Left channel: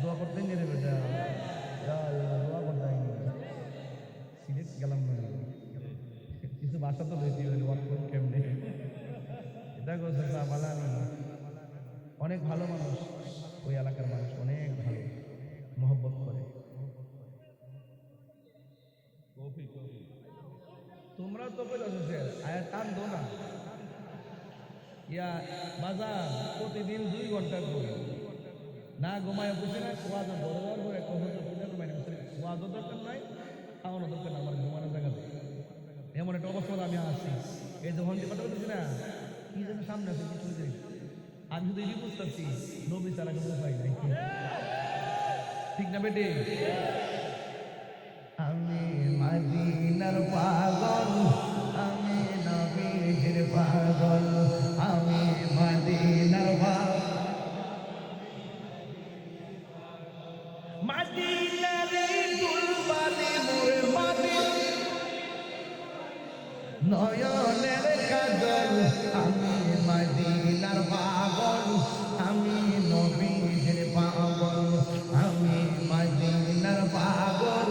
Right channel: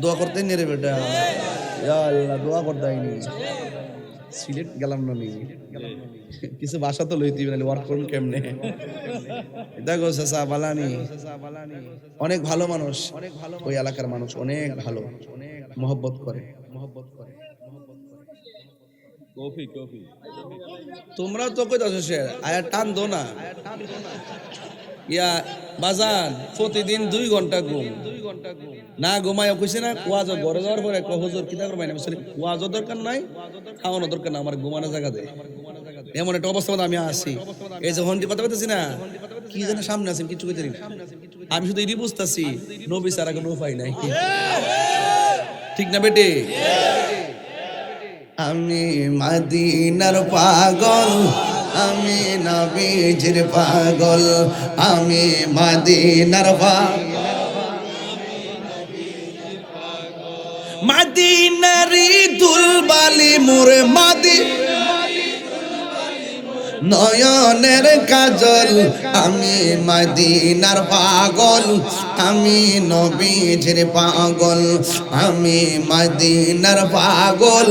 দোয়া করতে নি রে বেটা। আল্লাহ দোয়া করতে আইনি। সিলেট গেলাম না নি কিছু ভাষা তো লইতে না ওয়ার্ক করুন কেমনে? দেখো চাচা বালানি। অনেক ভালো মানুষ। ওই এলাকার মানুষ অনেক ভালো। মহব্বত করে। কফি তো কই দাও সে আয়া টান দো না। ইয়া বাজান, প্রতিদিন দুই ঘণ্টা ঘুম। না ঘুমায় কইছে না কুয়াজ ঘরে যাওয়ার পরে হুজুর কিতা করবাই না বলছি কুয়াজও দরকার নাই খাওয়ানো দরকার না আমার ঘুমানো জায়গা দে। এমন একটা অবস্থা আমি আসি এই যে হন্ডি কথা বলতেছি না, কি যেন সামনে আছেন কিছু কইতে। আমি শুধু এটি বুঝতেছি, নবী ছাড়া কোনো উপায় নাই। ঠিক না বেটে? আমি মাদিনার পাগল আমি নবীজির পাগল আমি মাদিনার পাগল। মাদিনারি দুলবালি মোরে মাদি। নয়নের কাজল, আমি মদিনার পাগল, আমি নবীজির পাগল, আমি মদিনার পাগল,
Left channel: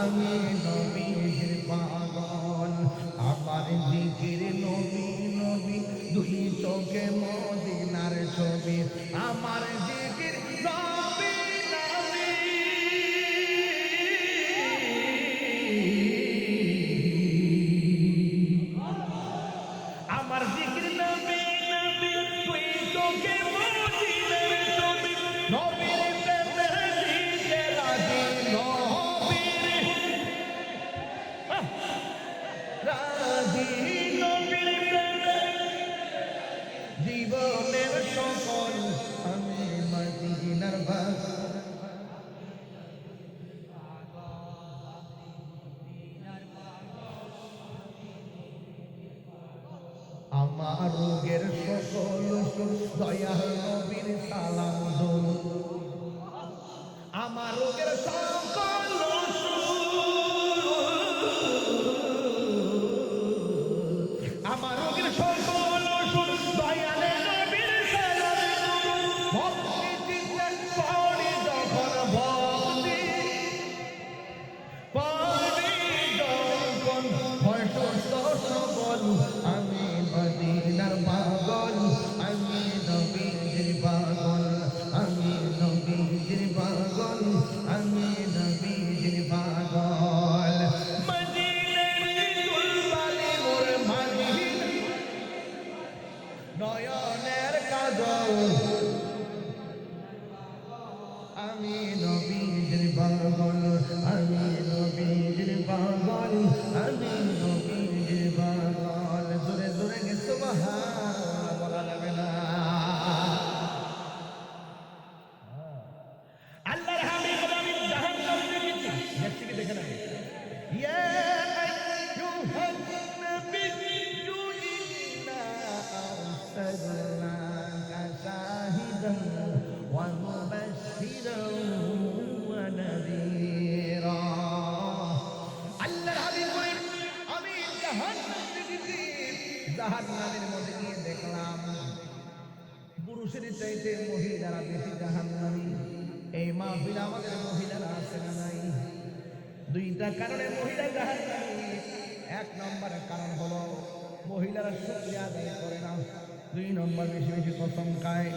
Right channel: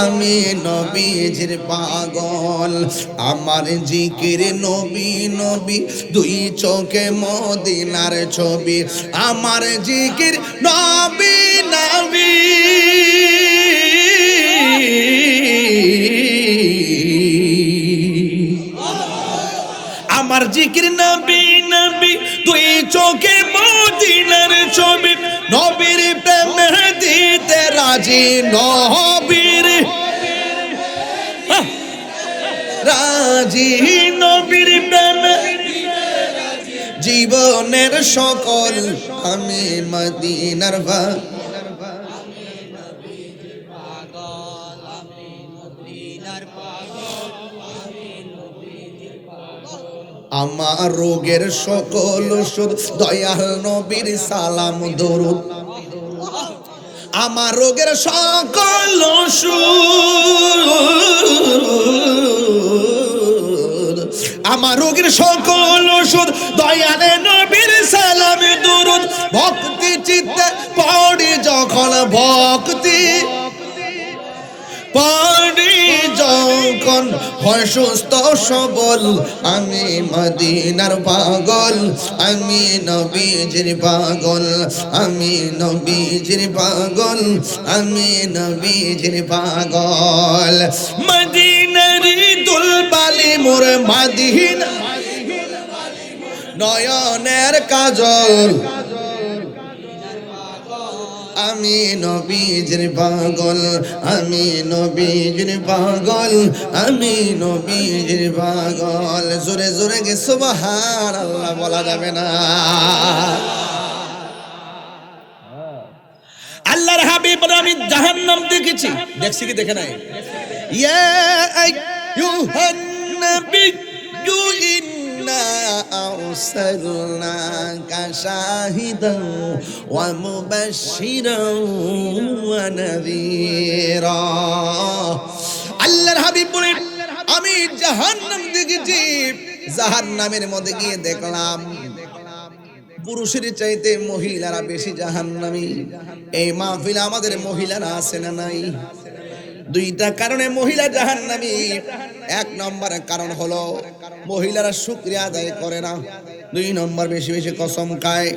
আমি নবীজির পাগল। আমার জিকির নবী নবী, দুই চোখে মদিনার ছবি। আমার জিকির নবী রাজি নবীর রাজি নবীর জীবনের সকল আমি মদিনার ভা আমার রোগের সকল ওষুধ দয়াল নবীর সালাম, দরুদ। আমার রোগের সকল আমার রোগের সকল হয় সুস্থ সবল। আমি মদিনার পাগল, আমি নবীজির পাগল, আমি নবীজির পাগল, আমি নবীজির পাগল। মদিনার দুলবালি মোর মদিনা, নয়নের কাজল। আমি নবীজির পাগল, আমি নবীজির পাগল, আমি নবীজির পাগল। জোরে জোরে গে সুবহান আল্লাহ বলা যাবে না। আল্লাহর হাবিব আমি জাহান্নাম দেখেছি। দেখছি কি দেখে নাই? ইয়া আইয়ুহান ইন্না ওয়া মুবাশশিরান ওয়া নাযীরা। আল্লাহর হাবিব আমি জাহান্নাম দেখেছি, জাহান্নামের মধ্যে গিয়ে দেখলাম, পুরুষের চাইতে মহিলারা বেশি জাহান্নামী। এই মাহফিল আমাদের মহিলারা আছে না নাই? দুইটা কারণে মহিলা জাহান্নামী। এক নম্বর কারণ হলো মহিলারা শুক্রিয়া আদায় করে না। দুই নম্বর বেশি বেশি কসম খায়।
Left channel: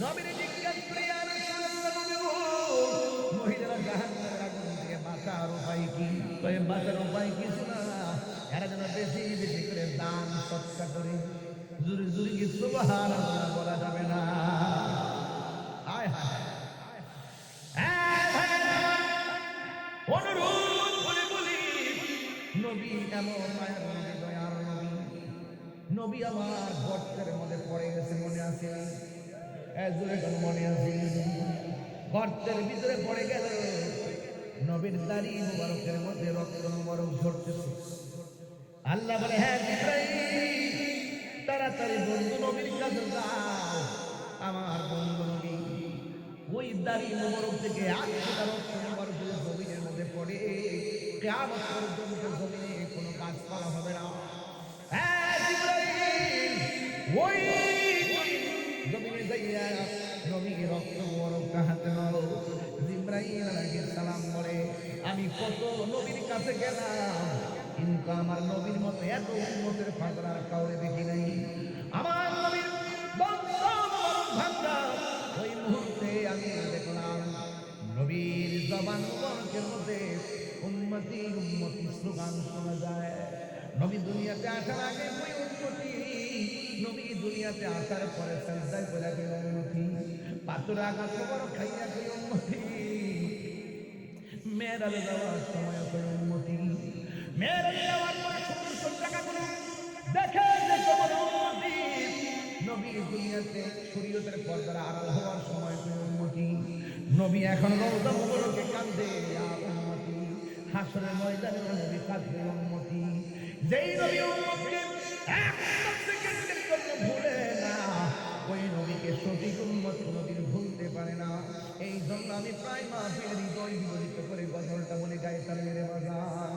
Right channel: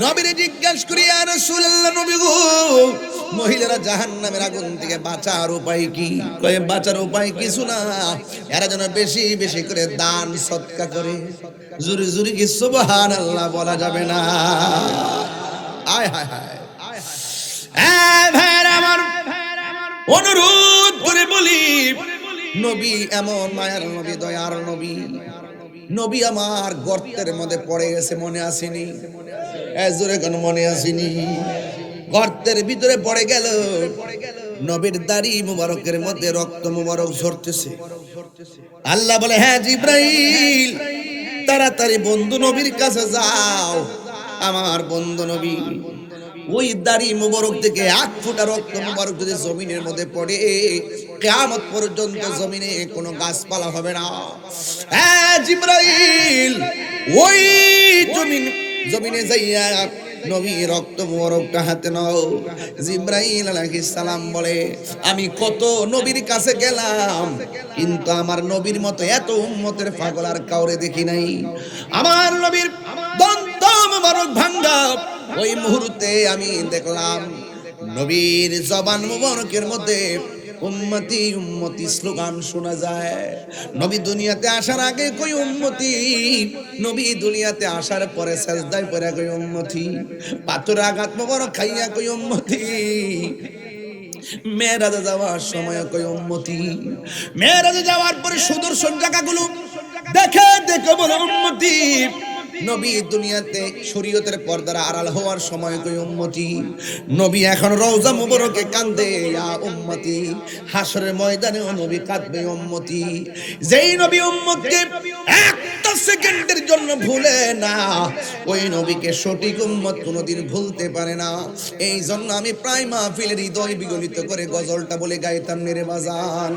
নবীরে জিজ্ঞাসা করি আর রাসূলুল্লাহ, নবী গো, মহিলারা জাহান্নামের আগুন থেকে বাঁচার উপায় কি? কয়ে, বাঁচার উপায় কিছু না। এরা যেন বেশি বেশি করে দান, সৎকা করে। জুরি জুরি কি সুবহান আল্লাহ বলা যাবে না। আয়, হায় হায়। অনুরোধ করে বলি নবী এমন, মায়ার নবী, দয়ার নবী। নবী আমার গর্তের মধ্যে পড়ে গেছে, মনে আসেনি। জোরে কেন মনে আসেনি? গর্তের ভিতরে পড়ে গেল। নবীর দাড়ি মুবারকের মধ্যে রক্ত মুবারক ঝরতেছে। আল্লাহ বলে হ্যাঁ জিব্রাইল, তাড়াতাড়ি বন্ধু নবীর কাছে যাও। আমার বন্ধু নবী ওই দাড়ি মুবারক থেকে এক ফুটা রক্ত মুবারক যদি জমিনের মধ্যে পড়ে, কেয়ামত পর্যন্ত জমিনে কোনো গাছপালা হবে না। হ্যাঁ জিব্রাইল, ওই জমিন, জমিনে যাইয়া নবী রক্ত মোবারকটা হাতে নাও। জিব্রাইল আলাইহিস সালাম বলে, আমি কত নবীর কাছে গেলাম, কিন্তু আমার নবীর মতো এত উম্মতের পাগল আর কাউরে দেখি নাই। আমার নবীর দন্ত মোবারক ভাঙ্গা। ওই মুহূর্তে আমি দেখলাম নবীর জবান মুবারকের মধ্যে উম্মতি উম্মতি স্লোগান শোনা যায়। নবী দুনিয়াতে আসার আগে কই উম্মতি? নবী দুনিয়াতে আসার পরে সাজদায় পরে কই উম্মতি। পাথর আঘাত মোবারক খাইয়া কই উম্মতি। মেয়েরাজে যাওয়ার সময় কই উম্মতি। মেয়েরাজে যাওয়ার পরে সুদর্শন জায়গাগুলো দেখে দেখে বলে উম্মতি। নবী দুনিয়াতে শরীয়তের পর্দার আড়াল হওয়ার সময় কই উম্মতি। নবী এখন রওজা মুবারকে কান্দে, ইয়া উম্মতি হাসরের ময়দানেও নবী কাঁদবে উম্মতি। যেই নবী উম্মতকে একটা সেকেন্ডের জন্য ভুলে না, ওই নবীকে সঠিক উম্মত কোনোদিন ভুলতে পারে না। এই জন্য আমি প্রায় মাহফিলের হৃদয় বিগলিত করে গজলটা বলে গাইতাম, মেরে বাজান।